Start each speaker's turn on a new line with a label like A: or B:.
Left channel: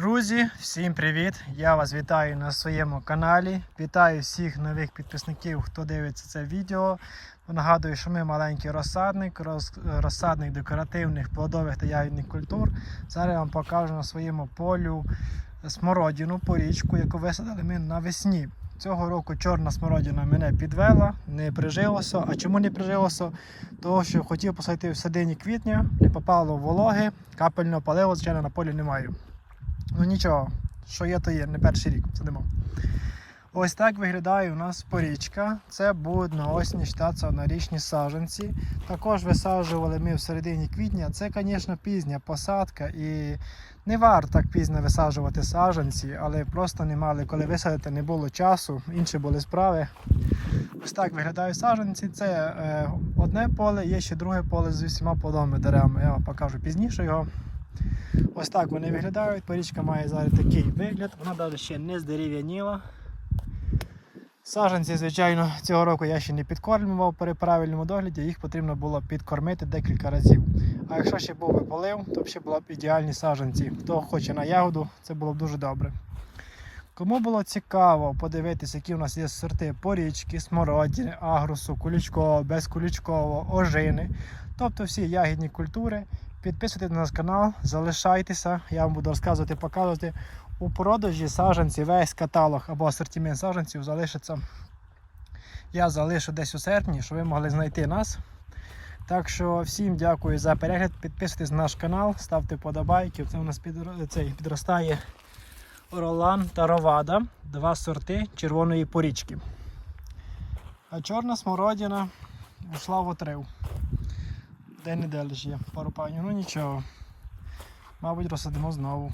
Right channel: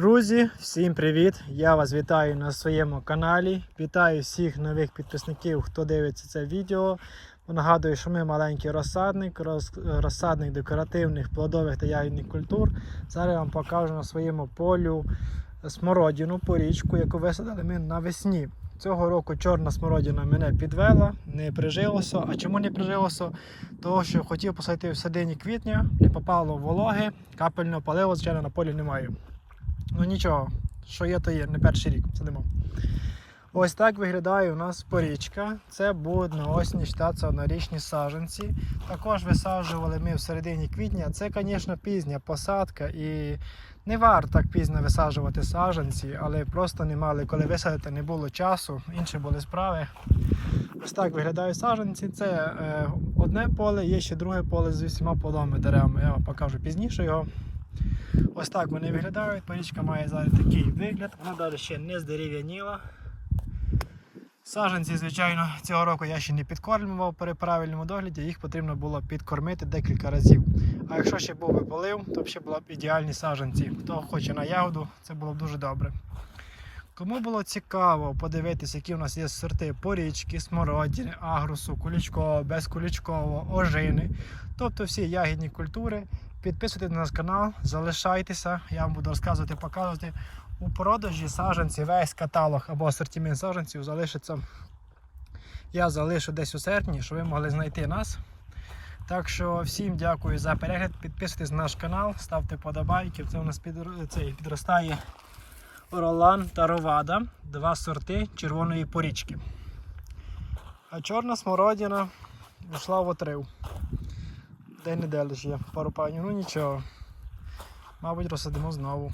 A: Друзі, всім привіт! Я вас вітаю на своєму каналі. Вітаю всіх нових підписників, хто дивиться це відео. Нагадую, що ми маленький розсадник, роз- розсадник декоративних плодових та ягідних культур. Зараз я вам покажу на своєму полю смородину, порічку, яку висадили ми навесні. Цього року чорна смородина мене підвела, не прижилося. А чому не прижилося? Того, що хотів посадити в середині квітня, не попало вологи, капельного палива, звичайно, на полі немає. Ну нічого, що є, то є, не перший рік сидимо. Ось так виглядає у нас порічка. Це будуть на осінь штатися однорічні саджанці. Також висаджували ми в середині квітня. Це, звісно, пізня посадка і не варто так пізно висаджувати саджанці, але просто не мали коли висадити, не було часу, інші були справи. Ось так виглядають саджанці. Це е, одне поле, є ще друге поле з усіма плодовими деревами. Я вам покажу пізніше його. Ось так вони виглядають. Порічка має зараз такий вигляд, вона навіть ще не здерев'яніла. Саджанці, звичайно, цього року я ще не підкормлював при правильному догляді, їх потрібно було підкормити декілька разів. А якщо ще був би полив, то б ще були б ідеальні саджанці. Хто хоче на ягоду, це було б дуже добре. Кому було цікаво подивитися, які у нас є сорти порічки, смородини, агрусу, кулічкового, безкулічкового, ожини, тобто всі ягідні культури, підписуйтесь на наш канал, залишайтеся, я вам буду розказувати, показувати. У продажі саджанців весь каталог або асортимент саджанців залишиться. Я залишу десь у серпні, щоб ви могли знайти нас. Так що всім дякую за перегляд. Підписуйтесь на наш канал, ставте подобайки. Це у нас підро- цей, підростає Ролан та Ровада. Два сорти червоної порічки. А чорна смородина ушла в отрив. Де не лише є пару панів, ну нічого. Мабуть, розсадимо знову.